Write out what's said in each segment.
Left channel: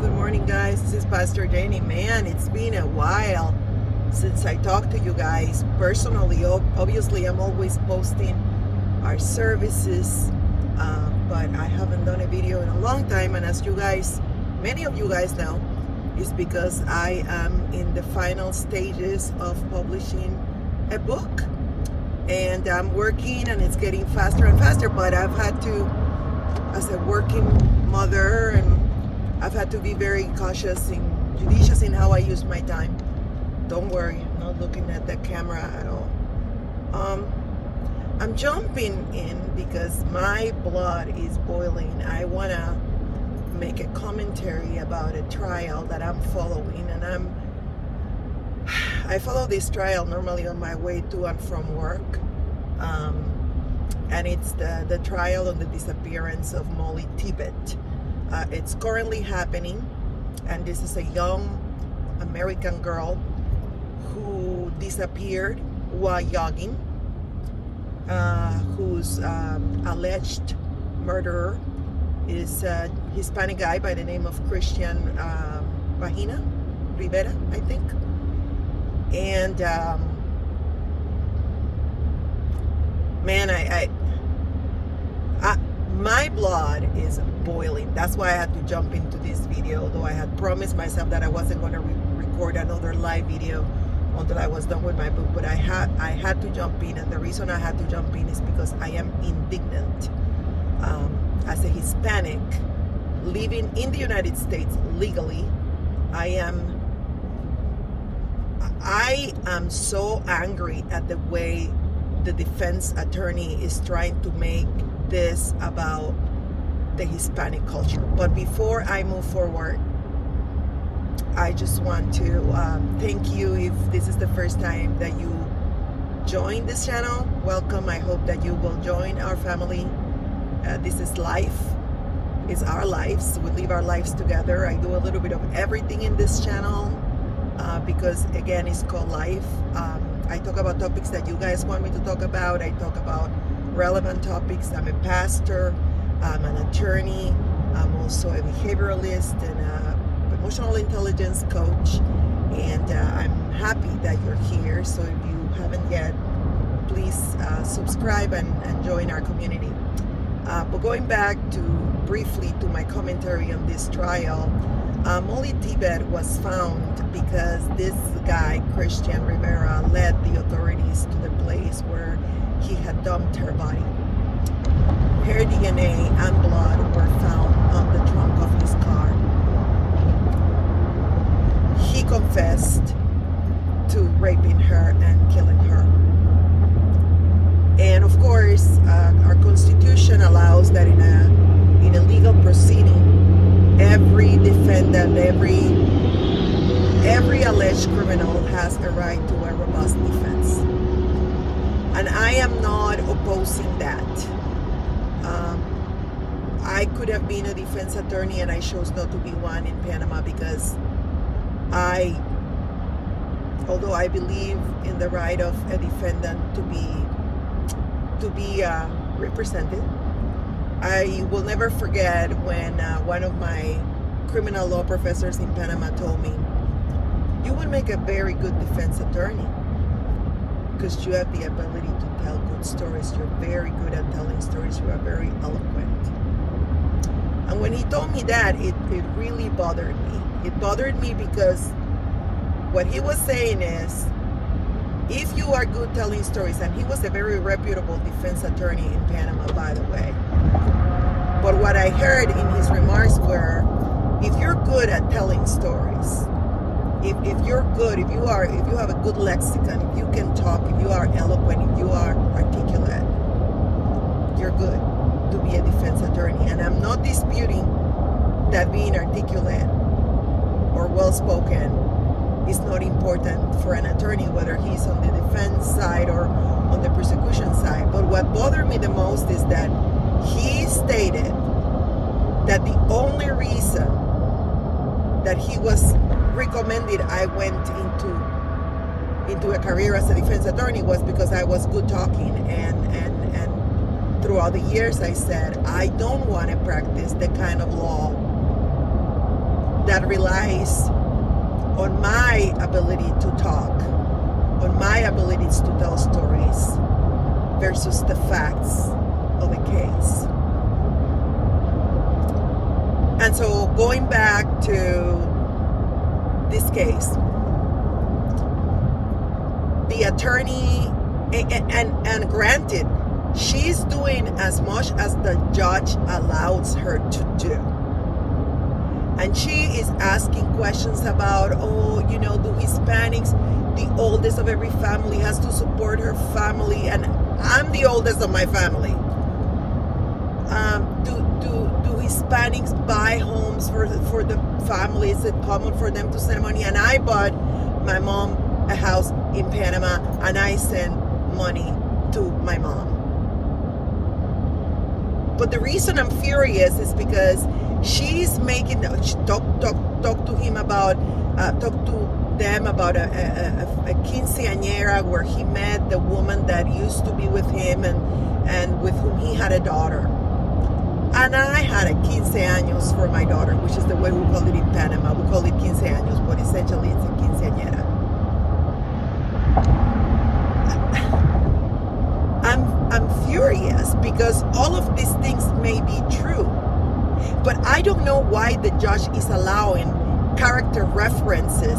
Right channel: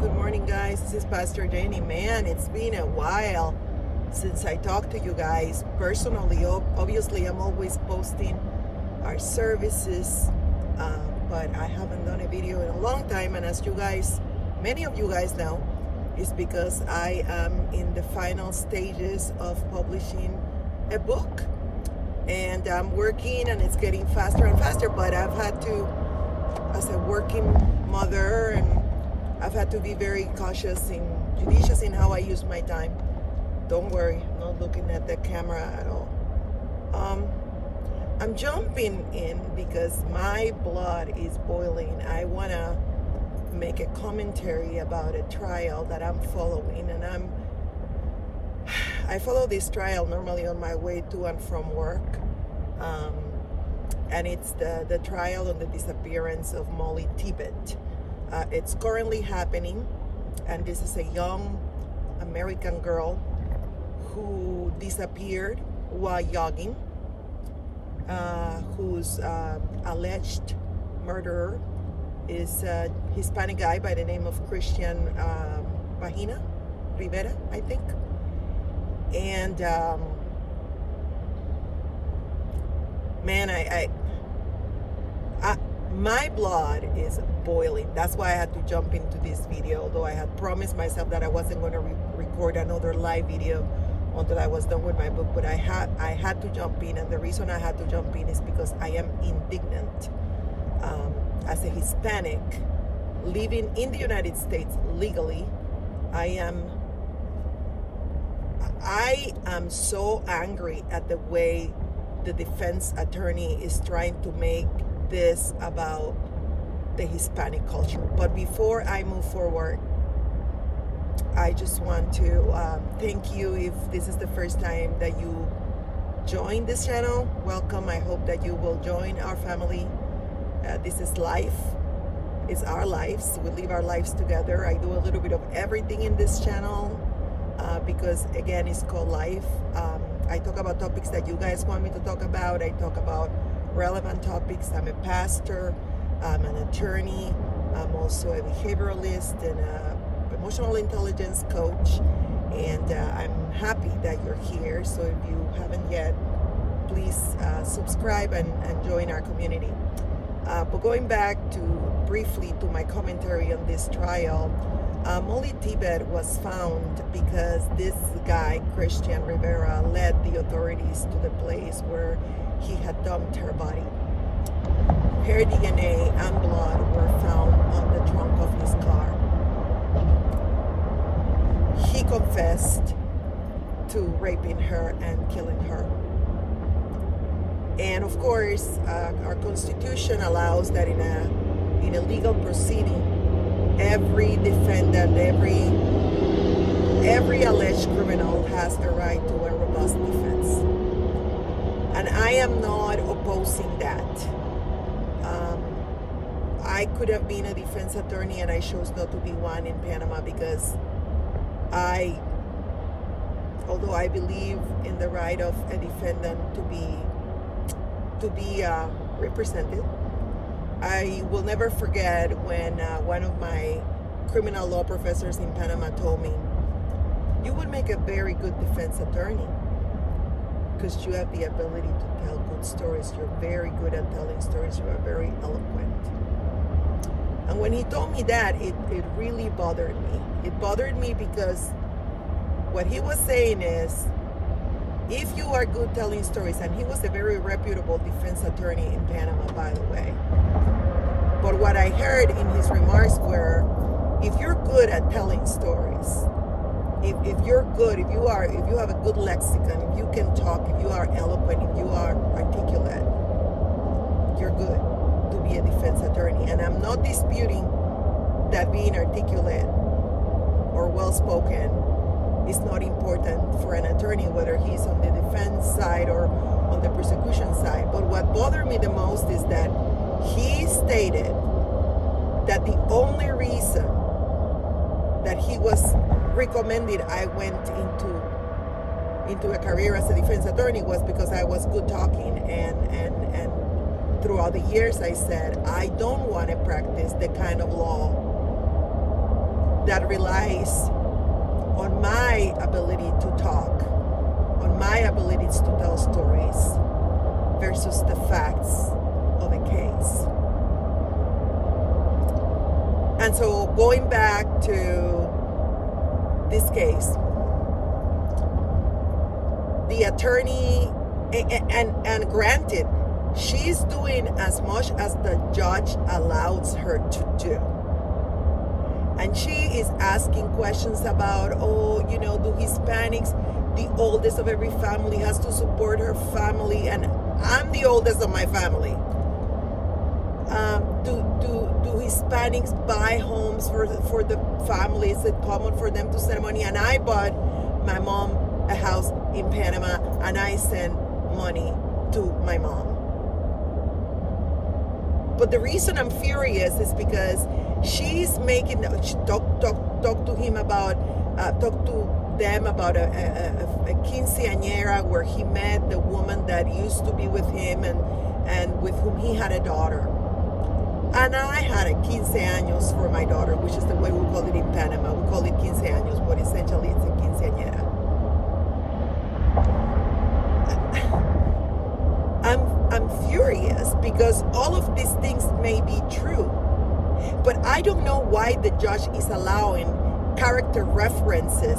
good morning guys. This is Pastor Jenny. Man, it's been a while since I talked to you guys personally. Obviously, I'm always posting our services, but I haven't done a video in a long time. And as you guys, many of you guys know, it's because I am in the final stages of publishing a book. And I'm working and it's getting faster and faster, but I've had to, as a working mother, and I've had to be very cautious and judicious in how I use my time. Don't worry, I'm not looking at the camera at all. I'm jumping in because my blood is boiling. I want to make a commentary about a trial that I'm following, and I follow this trial normally on my way to and from work, and it's the trial on the disappearance of Mollie Tibbets. It's currently happening, and this is a young American girl who disappeared while jogging, whose alleged murderer is a Hispanic guy by the name of Christian Rivera, I think. And man, my blood is boiling. That's why I had to jump into this video, though I had promised myself that I wasn't going to record another live video until I was done with my book. But I had to jump in, and the reason I had to jump in is because I am indignant. As a Hispanic living in the United States legally, I am so angry at the way the defense attorney is trying to make this about the Hispanic culture. But before I move forward, I just want to thank you. If this is the first time that you join this channel, welcome. I hope that you will join our family. This is life. It's our lives. We live our lives together. I do a little bit of everything in this channel because, again, it's called life. I talk about topics that you guys want me to talk about. I talk about relevant topics. I'm a pastor, I'm an attorney, I'm also a behavioralist and an emotional intelligence coach, and I'm happy that you're here. So if you haven't yet, please subscribe and join our community. But going back to briefly to my commentary on this trial, Mollie Tibbets was found because this guy, Christian Rivera, led the authorities to the place where he had dumped her body. Her DNA and blood were found on the trunk of his car. He confessed to raping her and killing her. And of course, our Constitution allows that in a legal proceeding, every defendant, every alleged criminal has a right to a robust defense. And I am not opposing that. I could have been a defense attorney, and I chose not to be one in Panama because although I believe in the right of a defendant to be represented, I will never forget when one of my criminal law professors in Panama told me, "You would make a very good defense attorney because you have the ability to tell good stories. You're very good at telling stories. You are very eloquent." And when he told me that, it really bothered me. It bothered me because what he was saying is, if you are good telling stories, and he was a very reputable defense attorney in Panama, by the way. But what I heard in his remarks were, if you're good at telling stories, if you're good, if you have a good lexicon, if you can talk, if you are eloquent, if you are articulate, you're good to be a defense attorney. And I'm not disputing that being articulate or well-spoken is not important for an attorney, whether he's on the defense side or on the prosecution side. But what bothered me the most is that he stated that the only reason that he was recommended I went into a career as a defense attorney was because I was good talking, and throughout the years I said I don't want to practice the kind of law that relies on my ability to talk, on my abilities to tell stories versus the facts of a case. And so going back to this case, the attorney, and granted, she's doing as much as the judge allows her to do. And she is asking questions about, do Hispanics, the oldest of every family, has to support her family, and I'm the oldest of my family. Do Hispanics buy homes for the family? Is it common for them to send money? And I bought my mom a house in Panama, and I send money to my mom. But the reason I'm furious is because she's making talk to them about a quinceañera where he met the woman that used to be with him and with whom he had a daughter. And I had a 15 años for my daughter, which is the way we call it in Panama. We call it 15 años, but essentially it's a quinceañera. I'm furious because all of these things may be true, but I don't know why the judge is allowing character references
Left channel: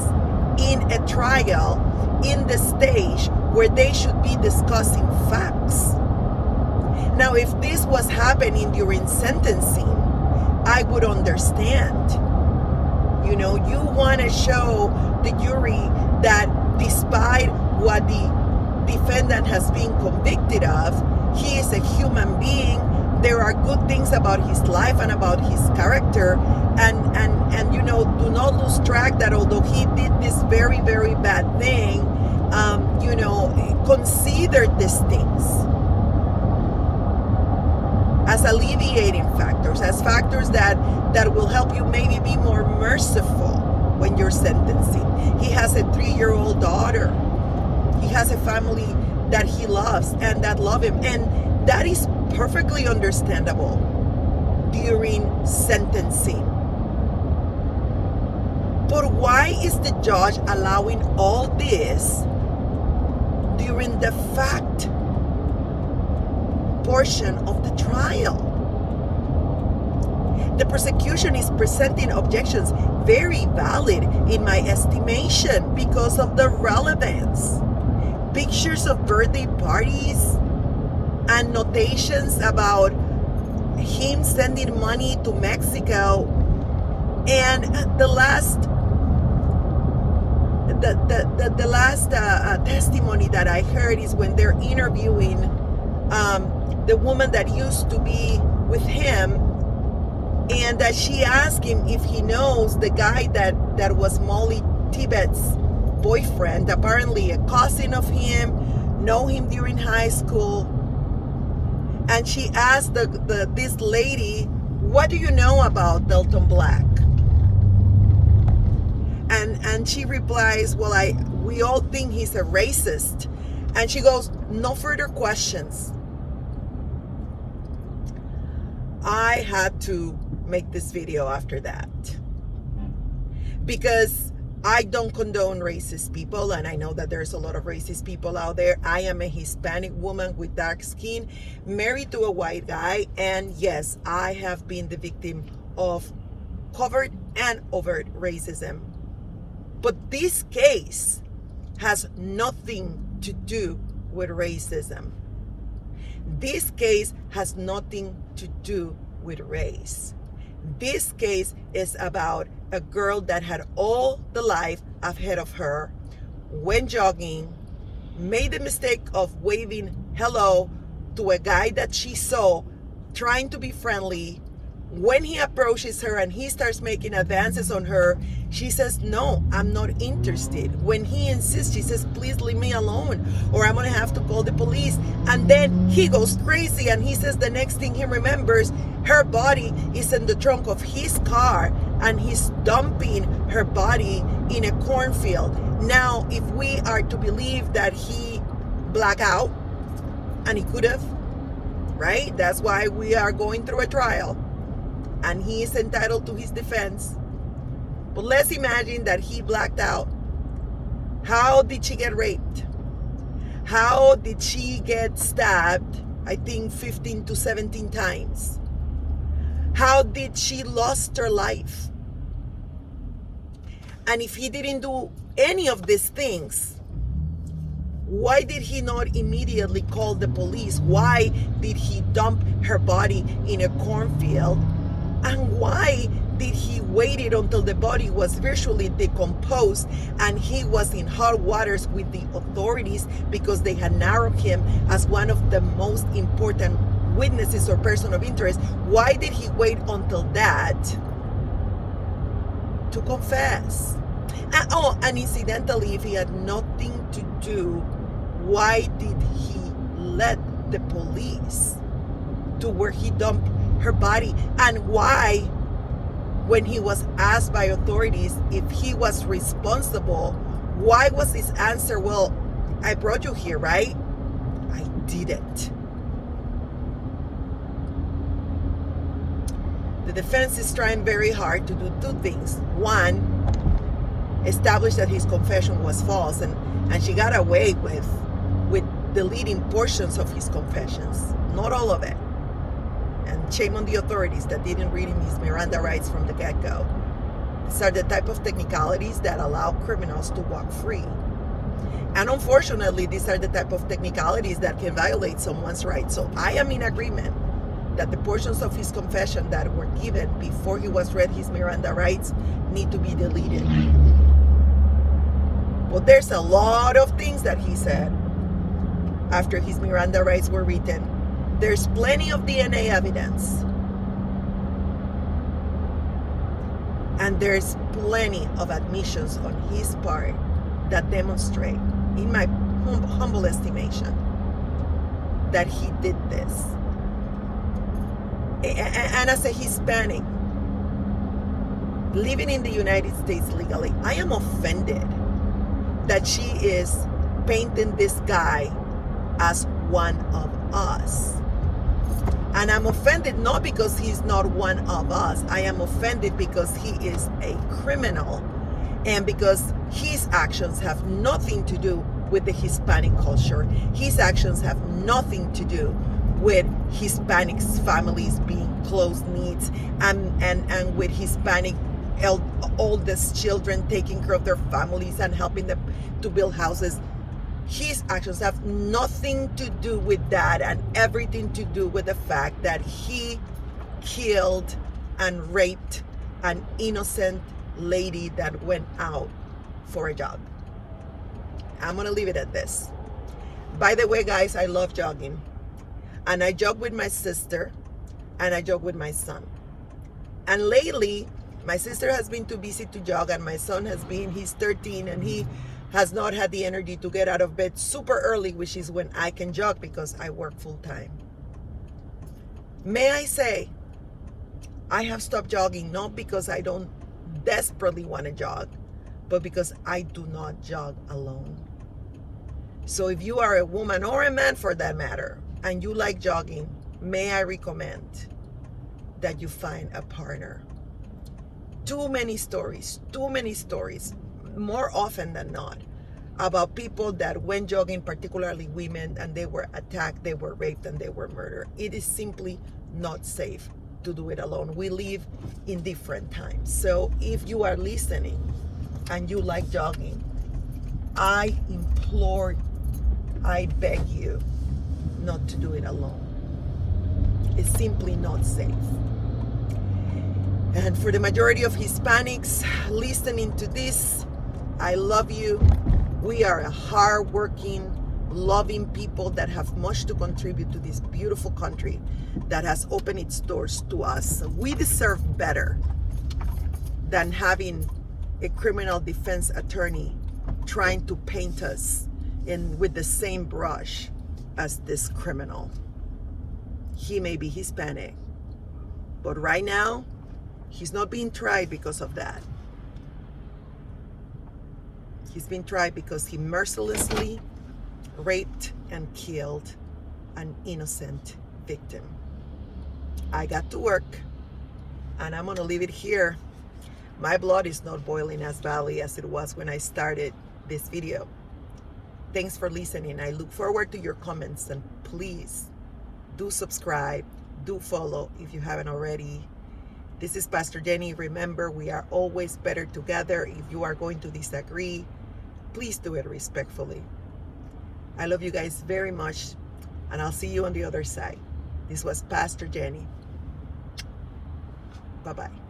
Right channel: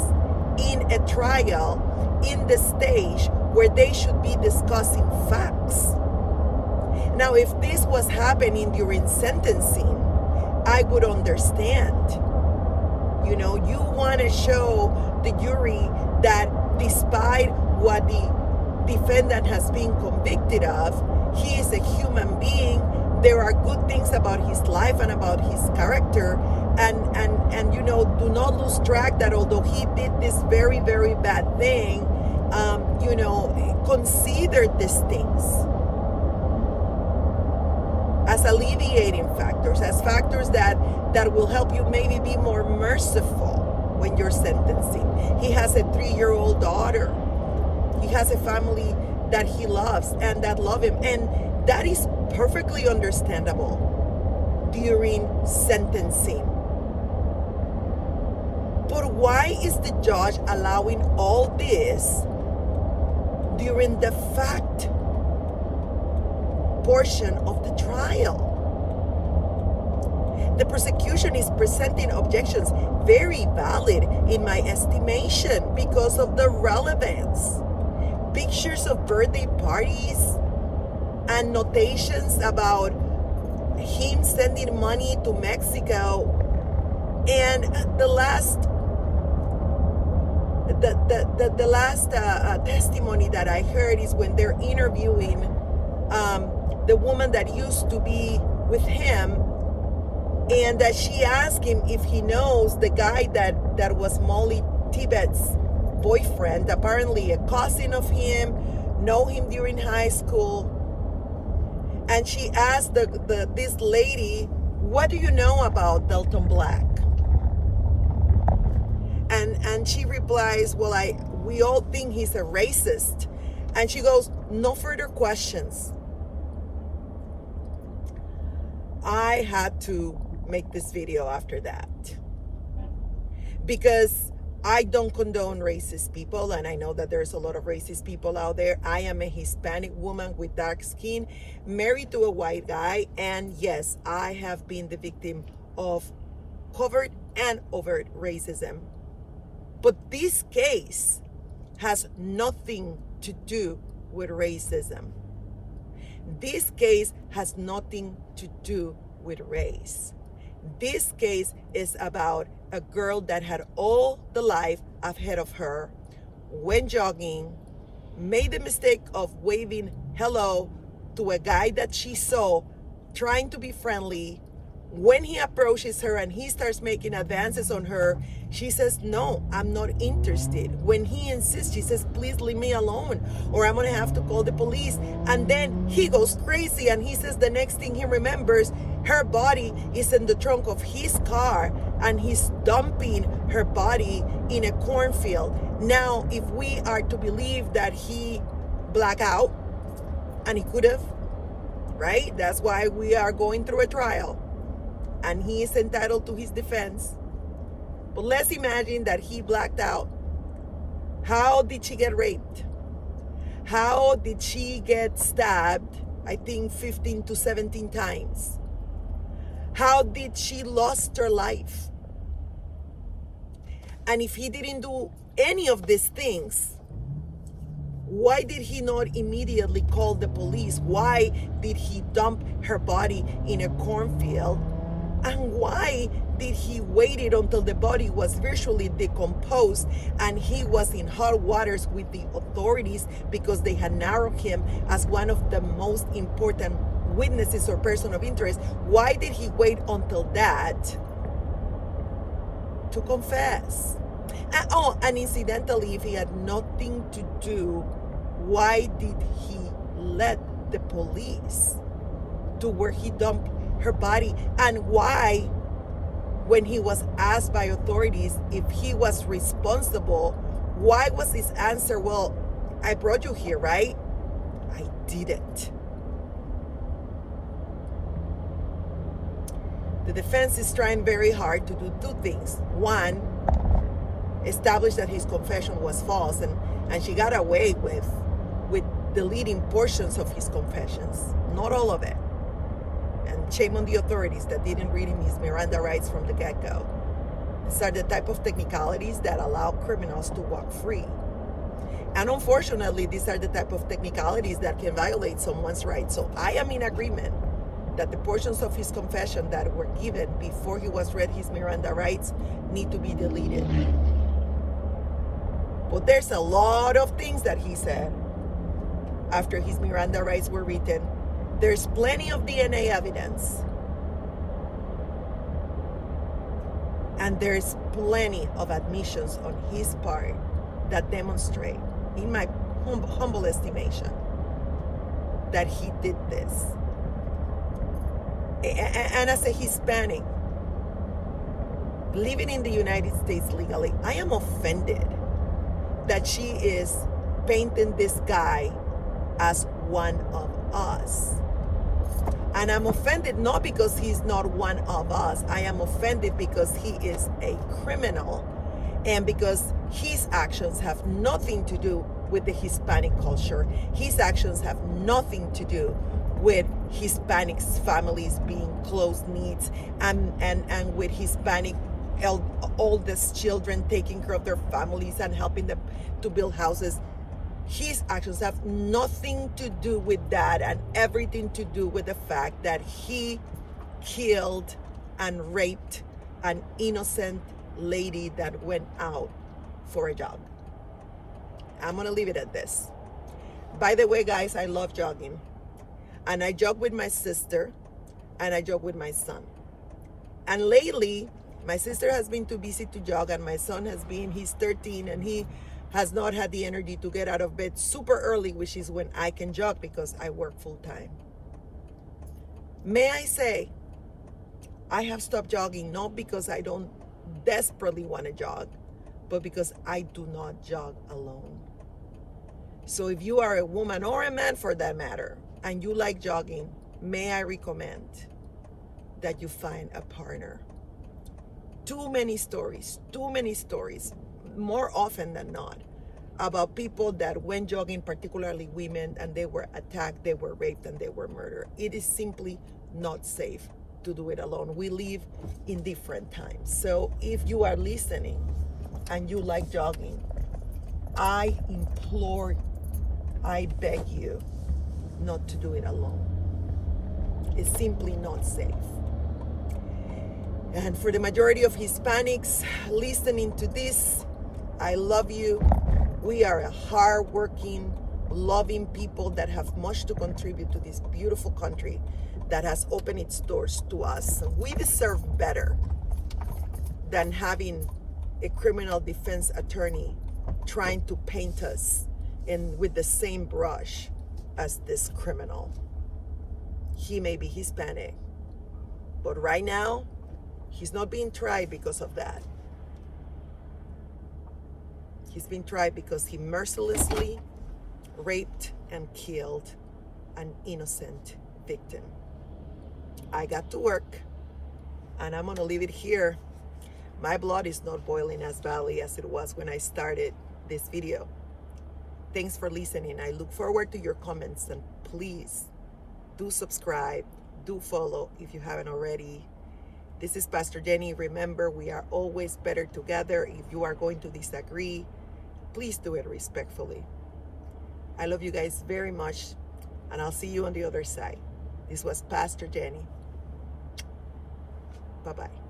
in a trial in the stage where they should be discussing facts. Now, if this was happening during sentencing, I would understand. You want to show the jury that despite what the defendant has been convicted of, he is a human being. There are good things about his life and about his character, and do not lose track that although he did this very, very bad thing, consider these things as alleviating factors, as factors that will help you maybe be more merciful when you're sentencing. He has a 3-year-old daughter. He has a family that he loves and that love him. And that is perfectly understandable during sentencing. But why is the judge allowing all this during the fact portion of the trial? The prosecution is presenting objections, very valid in my estimation, because of the relevance. Pictures of birthday parties and notations about him sending money to Mexico. And the last testimony that I heard is when they're interviewing the woman that used to be with him, and that she asked him if he knows the guy that was Mollie Tibbets' boyfriend, apparently a cousin of him, know him during high school. And she asked this lady, what do you know about Delton Black? And she replies, well, we all think he's a racist. And she goes, no further questions. I had to make this video after that because I don't condone racist people, and I know that there's a lot of racist people out there. I am a Hispanic woman with dark skin, married to a white guy, and yes, I have been the victim of covert and overt racism. But this case has nothing to do with racism. This case has nothing to do with race. This case is about a girl that had all the life ahead of her, went jogging, made the mistake of waving hello to a guy that she saw, trying to be friendly. When he approaches her and he starts making advances on her, she says, no, I'm not interested. When he insists, she says, please leave me alone or I'm going to have to call the police. And then he goes crazy and he says the next thing he remembers, her body is in the trunk of his car and he's dumping her body in a cornfield. Now, if we are to believe that he blacked out, and he could have, right? That's why we are going through a trial. And he is entitled to his defense. But let's imagine that he blacked out. How did she get raped? How did she get stabbed, I think 15 to 17 times? How did she lost her life? And if he didn't do any of these things, why did he not immediately call the police? Why did he dump her body in a cornfield? And why did he wait until the body was virtually decomposed and he was in hot waters with the authorities because they had narrowed him as one of the most important witnesses or person of interest? Why did he wait until that to confess? And incidentally, if he had nothing to do, why did he let the police to where he dumped her body? And why, when he was asked by authorities if he was responsible, why was his answer, well, I brought you here, right? I didn't. The defense is trying very hard to do two things. One, establish that his confession was false, and she got away with deleting portions of his confessions, not all of it. And shame on the authorities that didn't read him his Miranda rights from the get-go. These are the type of technicalities that allow criminals to walk free. And unfortunately, these are the type of technicalities that can violate someone's rights. So I am in agreement that the portions of his confession that were given before he was read his Miranda rights need to be deleted. But there's a lot of things that he said after his Miranda rights were written. There's plenty of DNA evidence. And there's plenty of admissions on his part that demonstrate, in my humble estimation, that he did this. And as a Hispanic, living in the United States legally, I am offended that she is painting this guy as one of us. And I'm offended not because he's not one of us. I am offended because he is a criminal and because his actions have nothing to do with the Hispanic culture. His actions have nothing to do with Hispanic families being close knits and with Hispanic oldest children taking care of their families and helping them to build houses. His actions have nothing to do with that and everything to do with the fact that he killed and raped an innocent lady that went out for a jog. I'm gonna leave it at this. By the way, guys, I love jogging. And I jog with my sister and I jog with my son. And lately, my sister has been too busy to jog and my son he's 13 and he has not had the energy to get out of bed super early, which is when I can jog because I work full time. May I say, I have stopped jogging not because I don't desperately want to jog, but because I do not jog alone. So if you are a woman or a man for that matter, and you like jogging, may I recommend that you find a partner. Too many stories, more often than not, about people that went jogging, particularly women, and they were attacked, they were raped, and they were murdered. It is simply not safe to do it alone. We live in different times. So if you are listening and you like jogging, I implore, I beg you not to do it alone. It's simply not safe. And for the majority of Hispanics listening to this, I love you. We are a hardworking, loving people that have much to contribute to this beautiful country that has opened its doors to us. We deserve better than having a criminal defense attorney trying to paint us with the same brush as this criminal. He may be Hispanic, but right now, he's not being tried because of that. He's been tried because he mercilessly raped and killed an innocent victim. I got to work, and I'm gonna leave it here. My blood is not boiling as badly as it was when I started this video. Thanks for listening. I look forward to your comments, and please do subscribe, do follow if you haven't already. This is Pastor Jenny. Remember, we are always better together. If you are going to disagree, please do it respectfully. I love you guys very much, and I'll see you on the other side. This was Pastor Jenny. Bye-bye.